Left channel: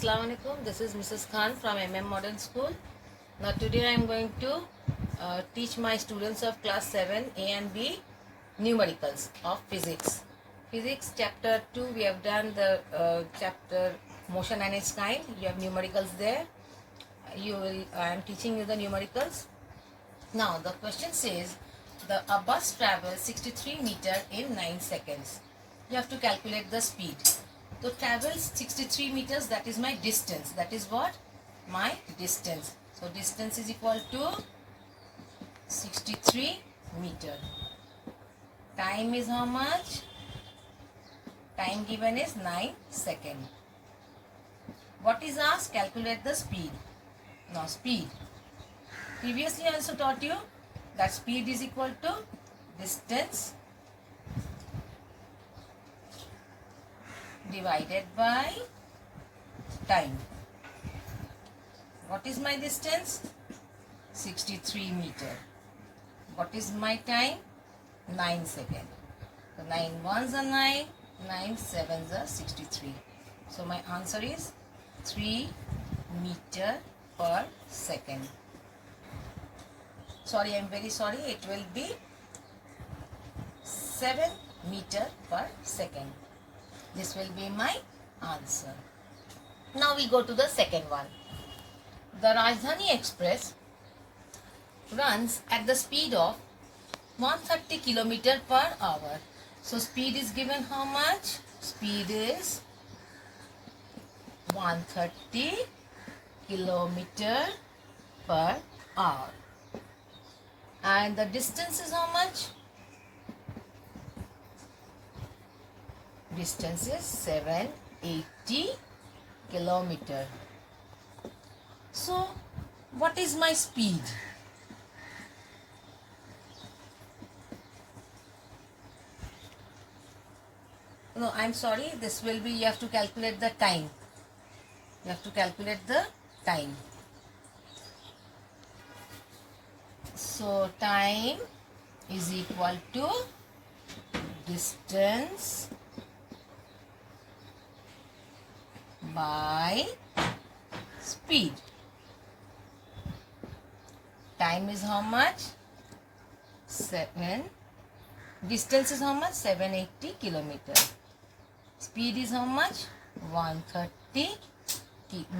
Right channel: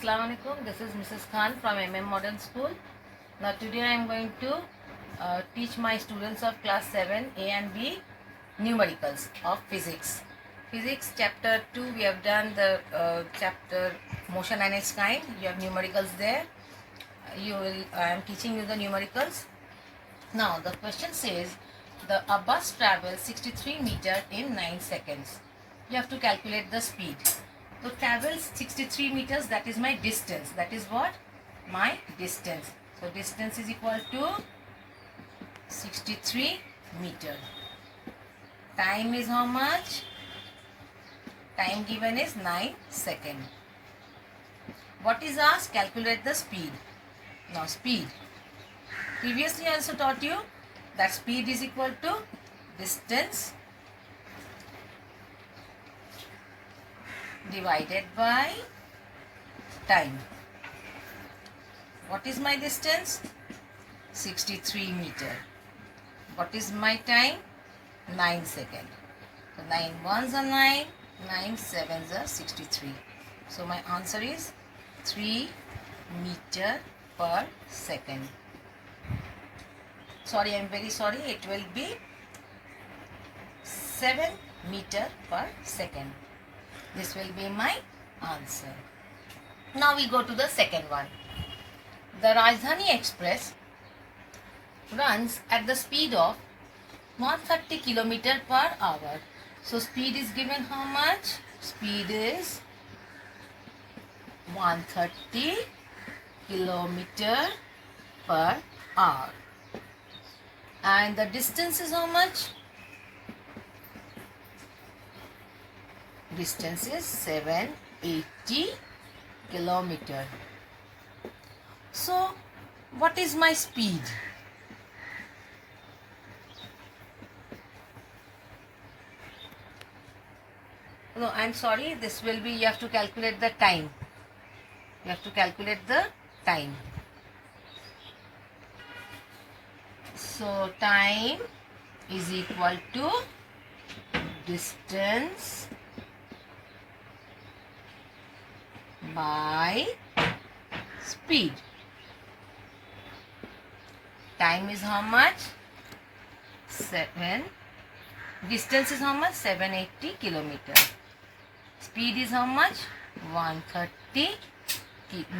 Assalamu alaikum. This is Mrs. Khan from MM Modern School. Now today I am going to teach my students of class 7 A and B numericals of physics. Physics chapter 2 we have done the chapter motion and its kind. You have numericals there. I am teaching you the numericals. Now the question says a bus travels 63 meters in 9 seconds. You have to calculate the speed. So travels 63 meters, that is my distance. That is what? My distance. So distance is equal to 63 meter. Time is how much? Time given is 9 seconds. What is asked? Calculate the speed. Now speed. Previously I also taught you that speed is equal to distance divided by time. What is my distance? 63 meter. What is my time? 9 seconds. So 9 ones are 9, 9 sevens are 63. So my answer is 3 meter per second. Sorry, I am very sorry. It will be 7 meter per second. This will be my answer. Now we go to the second one. The Rajdhani Express runs at the speed of 130 km per hour. So speed is given how much? Speed is 130 km per hour. And the distance is how much? Distance is 780 km. So what is my speed? No, I'm sorry, this will be, you have to calculate the time. You have to calculate the time. So time is equal to distance by speed. Time is how much? 7. Distance is how much? 780 km. Speed is how much? 130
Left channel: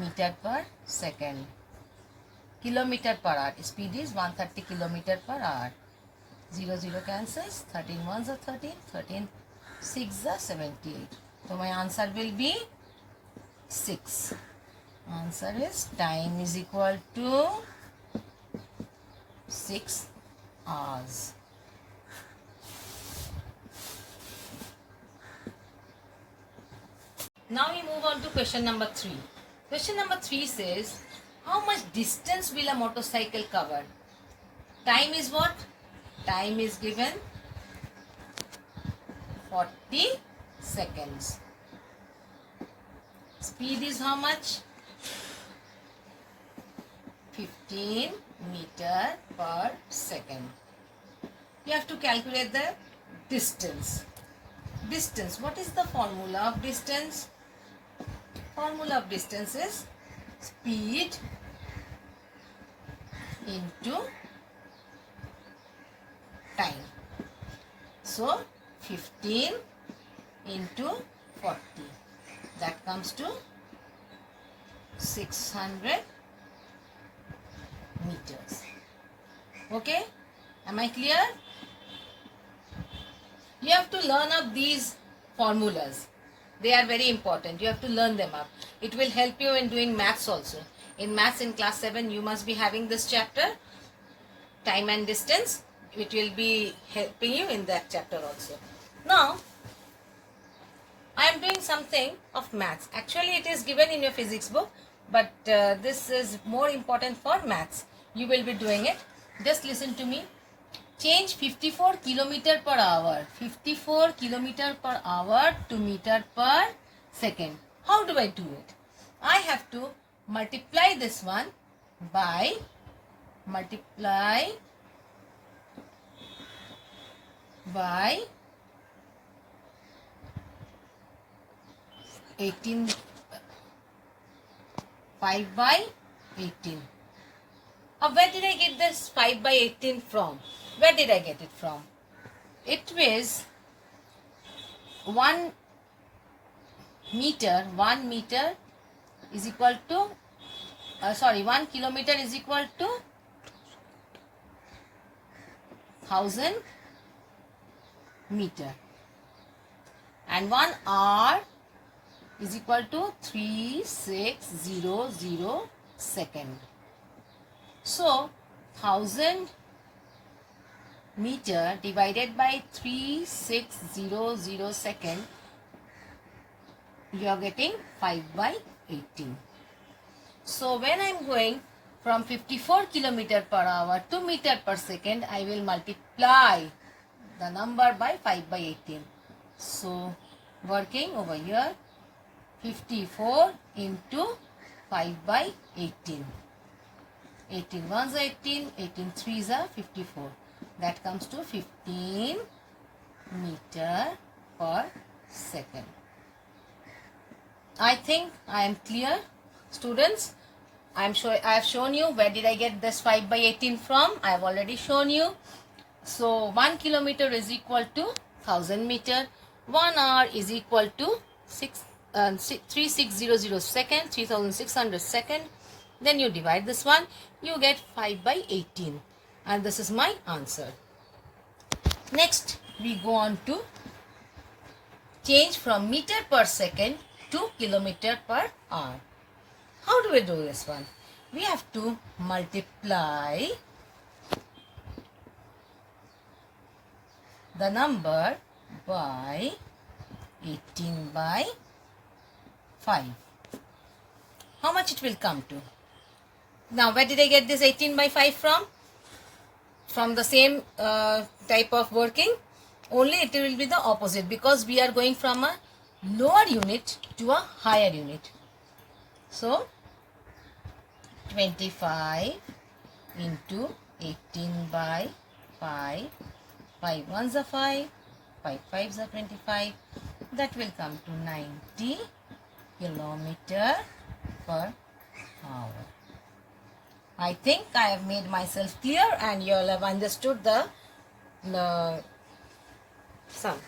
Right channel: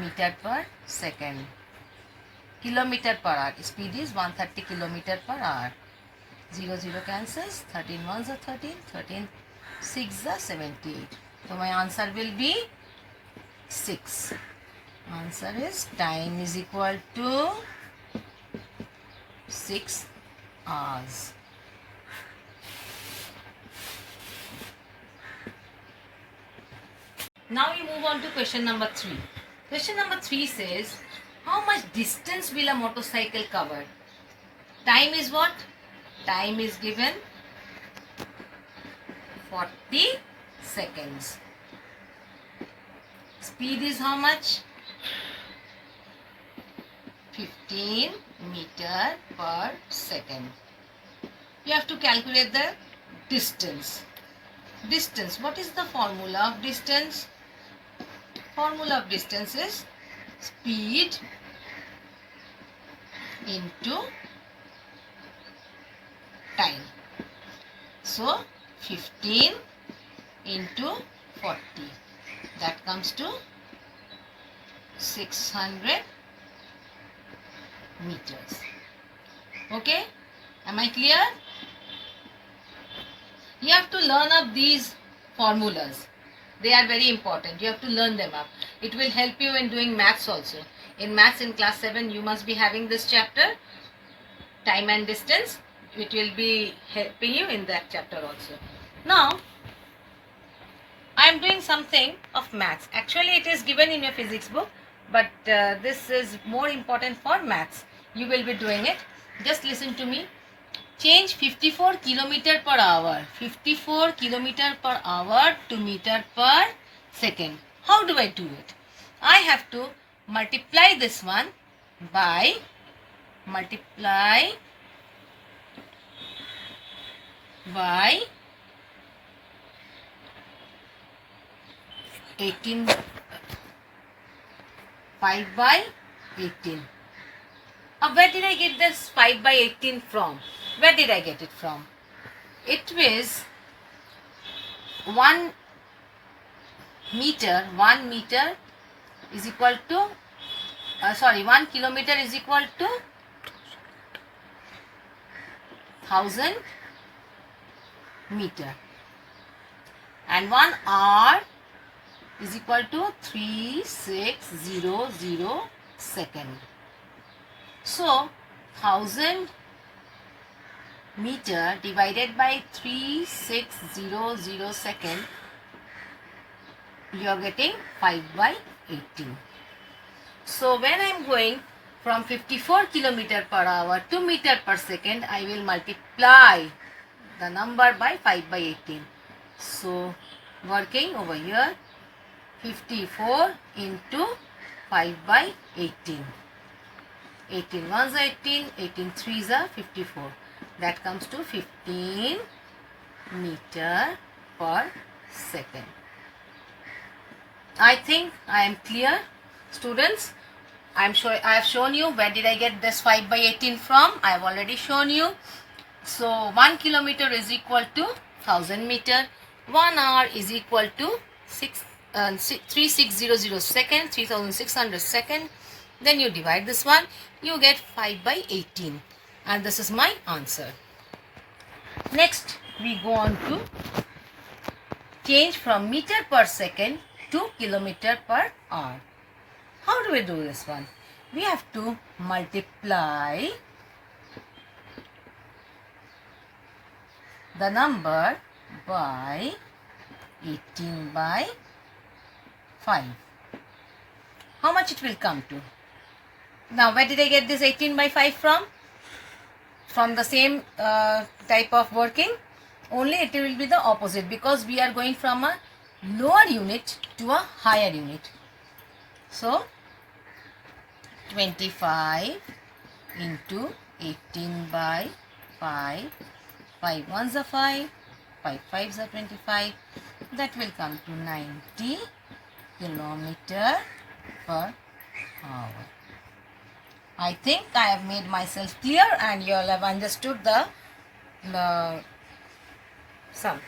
meter per second. Kilometer per hour. Speed is 130 km per hour. 0 0 cancels. 13 ones are 13. 13 6 are 78. So my answer will be 6. Answer is time is equal to 6 hours. Now we move on to question number 3. Question number 3 says, how much distance will a motorcycle cover? Time is what? Time is given 40 seconds. Speed is how much? 15 meter per second. You have to calculate the distance. Distance. What is the formula of distance? Formula of distance is speed into time. So 15 into 40. That comes to 600 meters. Okay? Am I clear? You have to learn up these formulas. They are very important. You have to learn them up. It will help you in doing maths also. In maths in class 7, you must be having this chapter, time and distance. It will be helping you in that chapter also. Now, I am doing something of maths. Actually, it is given in your physics book, but this is more important for maths. You will be doing it. Just listen to me. Change 54 km per hour. 54 km per hour to meter per second. How do I do it? I have to multiply this one by 18 5 by 18. Where did I get this 5 by 18 from? Where did I get it from? It was 1 meter. 1 meter is equal to 1 kilometer is equal to 1000 meter, and 1 hour is equal to 3600 second. So 1000 meter divided by 3600 second, you are getting 5 by 18. So when I am going from 54 kilometer per hour to meter per second, I will multiply the number by 5 by 18. So working over here, 54 into 5 by 18. 18 ones are 18, 18 threes are 54. That comes to 15 meter per second. I think I am clear, students. I have shown you where did I get this 5 by 18 from. I have already shown you. So 1 kilometer is equal to 1000 meter. 1 hour is equal to 3600 second, 3600 second. Then you divide this one, you get 5 by 18. And this is my answer. Next, we go on to change from meter per second to kilometer per hour. How do we do this one? We have to multiply the number by 18 by 5. How much it will come to? Now, where did I get this 18 by 5 from? From the same type of working. Only it will be the opposite, because we are going from a lower unit to a higher unit. So 25 into 18 by 5, 5 ones are 5, 5 fives are 25. That will come to 90 kilometer per hour. I think I have made myself clear and you all have understood the sums,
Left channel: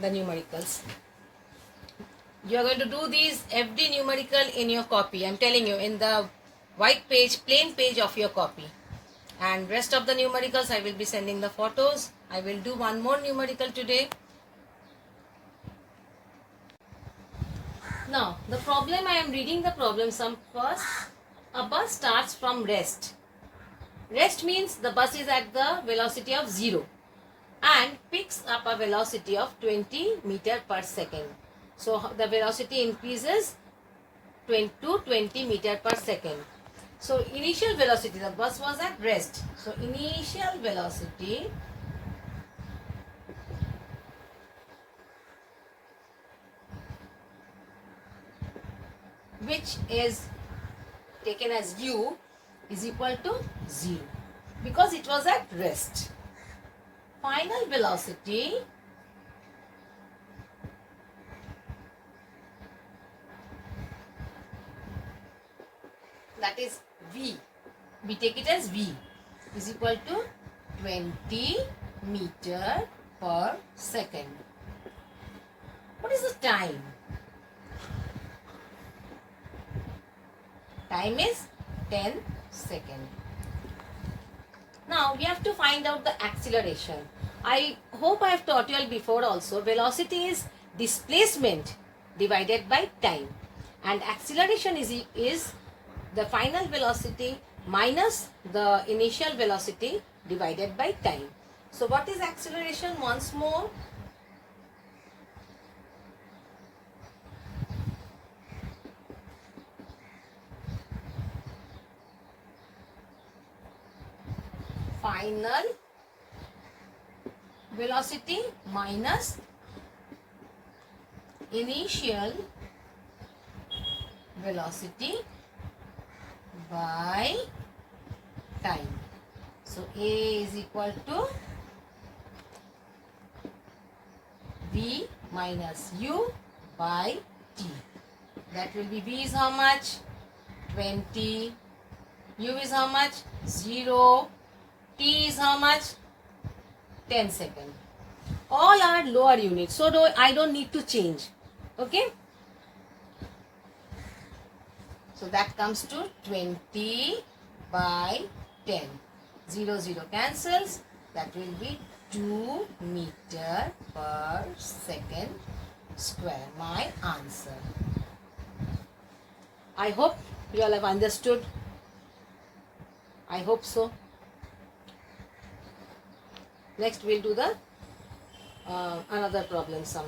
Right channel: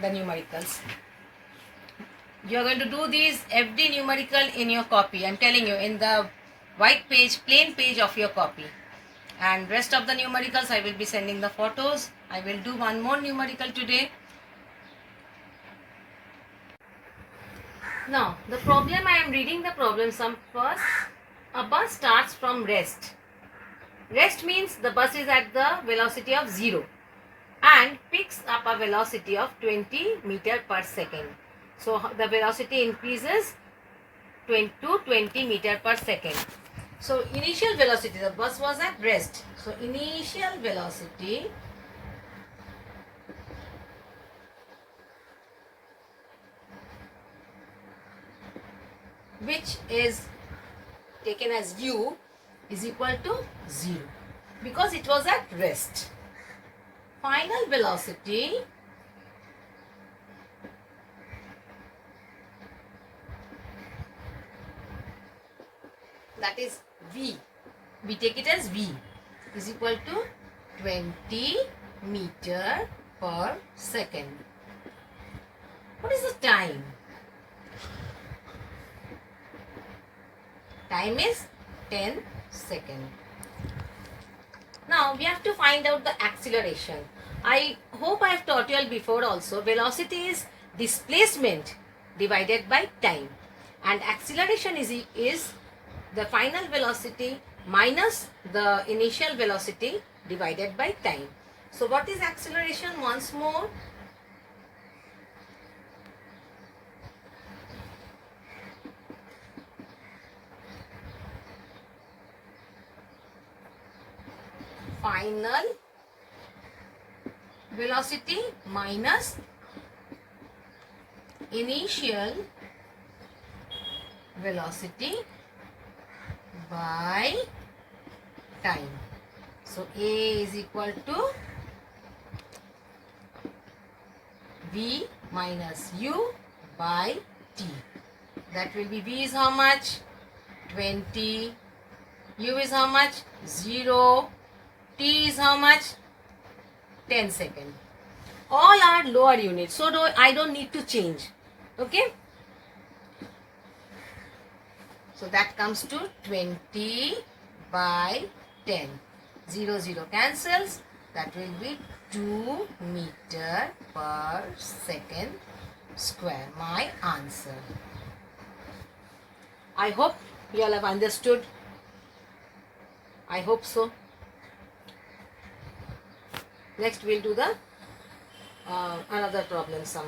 the numericals. You are going to do these every numerical in your copy. I am telling you, in the white page, plain page of your copy. And rest of the numericals, I will be sending the photos. I will do one more numerical today. Now, the problem, I am reading the problem sum first. A bus starts from rest. Rest means the bus is at the velocity of 0 and picks up a velocity of 20 meter per second. So the velocity increases to 20 meter per second. So initial velocity, the bus was at rest. So initial velocity which is taken as u is equal to 0 because it was at rest. Final velocity that is v, we take it as v, is equal to 20 meter per second. What is the time? Time is 10 seconds. Now we have to find out the acceleration. I hope I have taught you all before also. Velocity is displacement divided by time, and acceleration is the final velocity minus the initial velocity divided by time. So what is acceleration once more? Final velocity minus initial velocity by time. So A is equal to V minus U by T. That will be V is how much? 20. U is how much? 0. T is how much? 10 seconds. All are lower units, so I don't need to change. Okay. So that comes to 20 by 10. 0, 0 cancels. That will be 2 meter per second square. My answer. I hope you all have understood. I hope so. Next we'll do the another problem sum.